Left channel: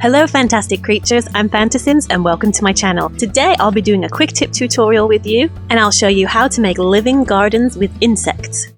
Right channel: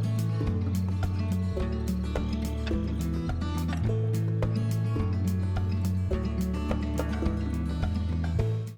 Hello fantastic creatures, I'm Fantasims and welcome to my channel. Today I'll be doing a quick tip tutorial with you and I'll show you how to make living gardens with insects.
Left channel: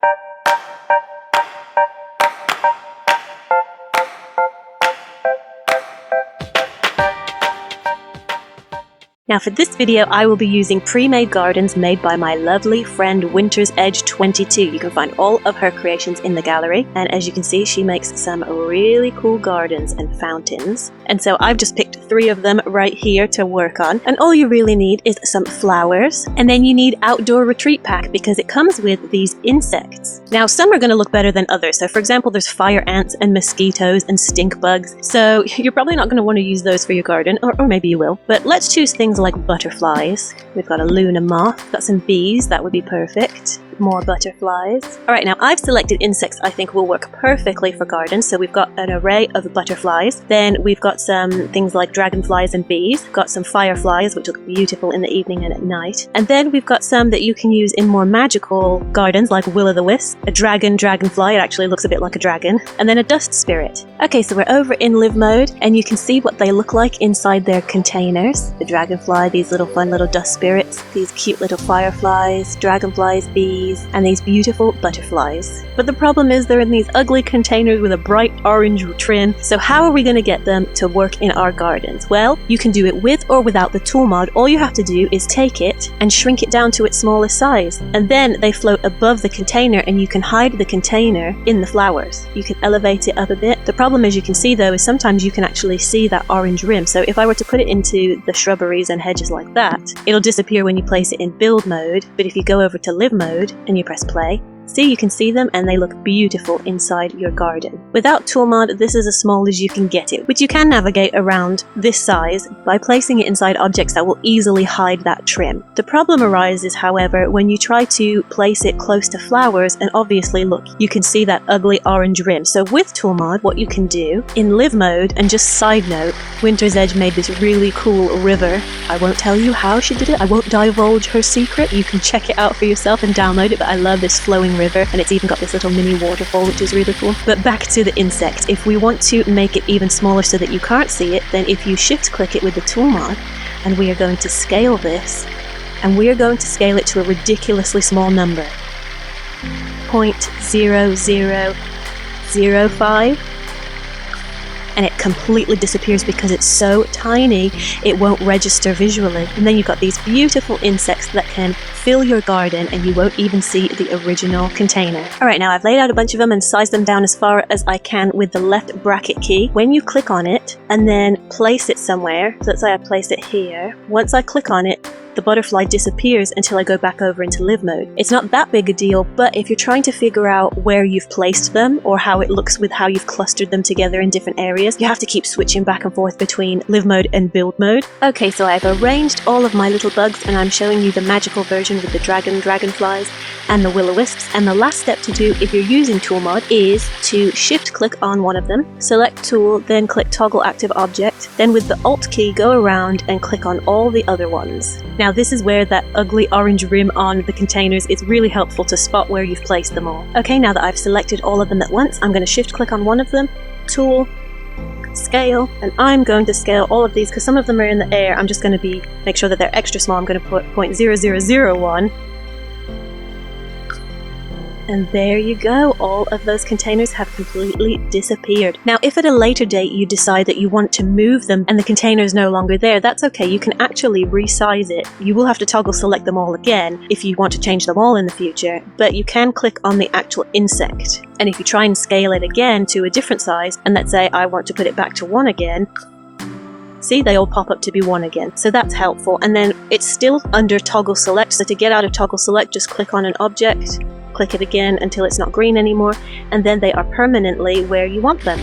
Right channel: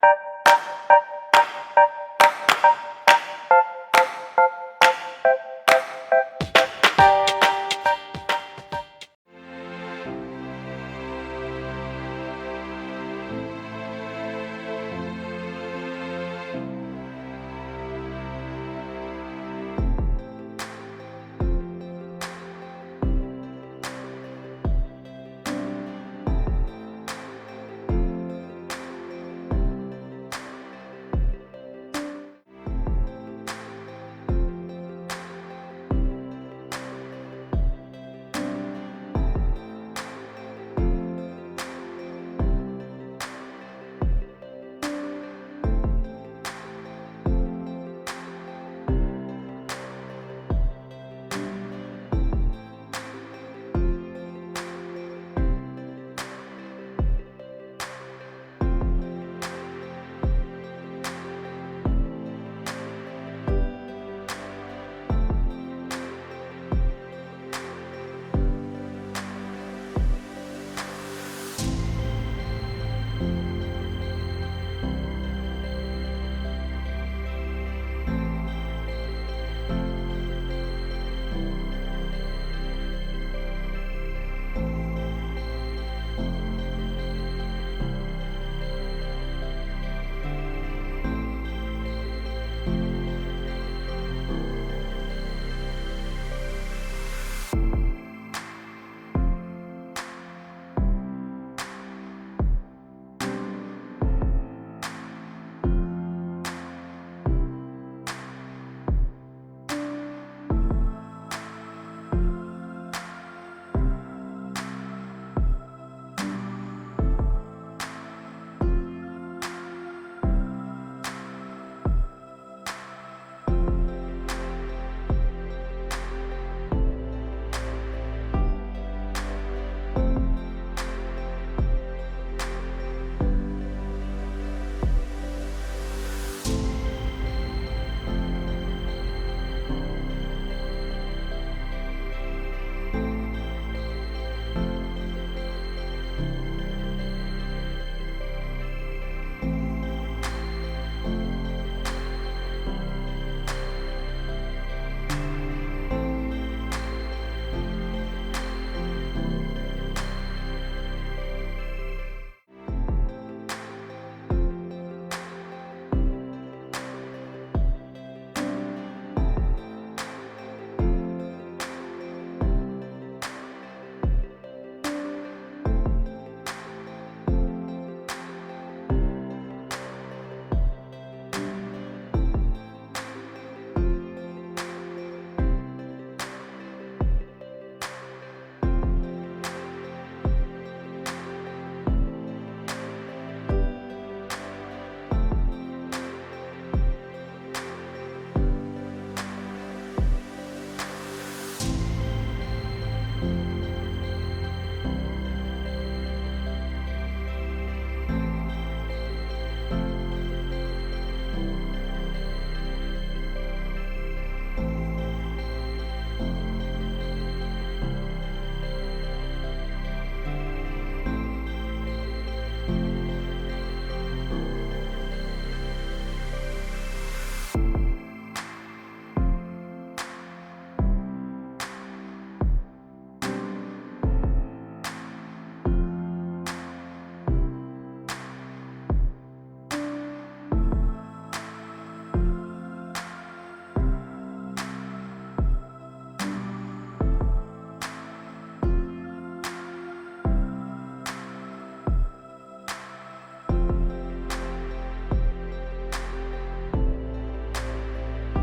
Now for this video I will be using pre-made gardens made by my lovely friend Winter's Edge 22. You can find all of her creations in the gallery, and as you can see she makes some really cool gardens and fountains. And so I've just picked 3 of them right here to work on, and all you really need is some flowers, and then you need outdoor retreat pack because it comes with these insects. Now some are going to look better than others, so for example there's fire ants and mosquitoes and stink bugs, so you're probably not going to want to use those for your garden, or maybe you will, but let's choose things like butterflies. We've got a Luna moth, got some bees, that would be perfect. More butterflies. Alright, now I've selected insects I think will work perfectly for gardens, so we've got an array of butterflies, then we've got some things like dragonflies and bees, got some fireflies which look beautiful in the evening and at night, and then we've got some that you can use in more magical gardens like will-o'-the-wisp, a dragonfly, it actually looks a bit like a dragon, and then a dust spirit. Okay, so we're over in live mode and you can see what they look like inside their containers. The dragonfly, these little fun little dust spirits, these cute little fireflies, dragonflies, bees, and these beautiful butterflies. But the problem is they're in these ugly containers with a bright orange trim, so how are we going to get them to work in our gardens? Well, you can do it with or without the tool mod. All you have to do is take it and shrink it down to its smallest size, and then they float above the container and you can hide the container in the flowers. You can elevate it up a bit. The problem, as you can see though, is sometimes you can actually see that orange rim, so if I were to put it into the shrubberies and hedges like that, it'll disappear when you place it in build mode, but if you go over to live mode and you press play, see, you can see them and they look beautiful inside your garden. Without tool mod, this is as small as you can get it, but you can navigate around this size by placing it inside objects that will easily hide that trim. The problem arises, however, when you try to place it close to flowers, and obviously look, you can see that ugly orange rim. So with tool mod, what you can do in live mode, and just side note, Winter's Edge made this really cool river. I won't tell you how she did it, I won't divulge her secret, you can check it out for yourself and download it, but I love this flowing river, and it's even got this little mini waterfall which is really cool. But back to the insect, if we want to make it even smaller so that you can't see it, then if you shift click it with the tool mod, and we are going to scale this, and we are going to scale it to a ridiculously small number, 0.0005, and it completely disappears because it's so tiny it won't register visually. And then you've got these beautiful insects that can fill your garden and you won't even see the original container. Alright, now I've laid out a bunch of them and sized them down as far as I can with the left bracket key. When you click on it and then place it somewhere, so let's say I place it here, once I click on it, the butterfly disappears until I go back over into live mode. It's not that big a deal, but if you're trying to figure out where you've placed them or how it looks with how you've clustered them together in different areas, you have to keep switching back and forth between live mode and build mode. Okay, so I've arranged all of my little bugs and I'm showing you the magical version with the dragonflies and the will-o'-wisps, and the last step to do if you're using tool mod is to shift click on one of them, select tool, then click toggle active object, then with the alt key go around and click on all the other ones. Now this is where that ugly orange rim on the containers is really helpful to spot where you've placed them all. Okay, now that I've selected all of them at once, I'm going to shift click on one of them, tool, scale, and I'm going to scale all of these because some of them are in the air. I'm just going to make sure that they're extra small. I'm going to put 0.0001. And there you go, all of those containers have completely disappeared. Now if at a later date you decide that you want to move them and the container is no longer there, that's okay, you can actually resize it. You will have to toggle select them all again if you want to change them all in the future, but you can click on the actual insect. And if you try and scale it again to a different size, and let's say I want to put it back to 1 again, see, they all pop up to be 1 again, so that's helpful. And then it's still under toggle select, so to get out of toggle select just click on an object, click it again until it's not green anymore, and then they are permanently where you want them.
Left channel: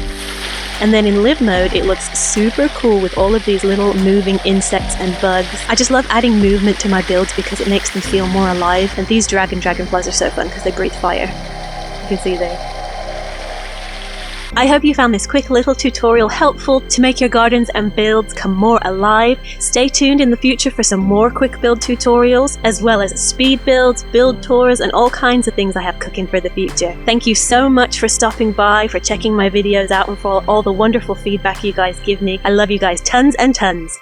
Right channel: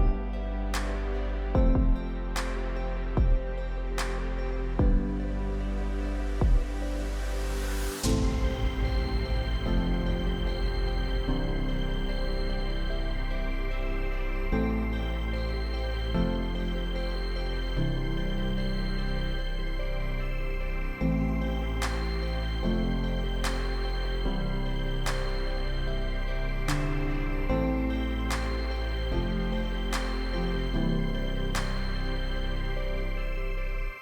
And then in live mode it looks super cool with all of these little moving insects and bugs. I just love adding movement to my builds because it makes them feel more alive, and these dragonflies are so fun because they breathe fire. You can see there. I hope you found this quick little tutorial helpful to make your gardens and builds come more alive. Stay tuned in the future for some more quick build tutorials, as well as speed builds, build tours, and all kinds of things I have cooking for the future. Thank you so much for stopping by, for checking my videos out, and for all the wonderful feedback you guys give me. I love you guys tons and tons.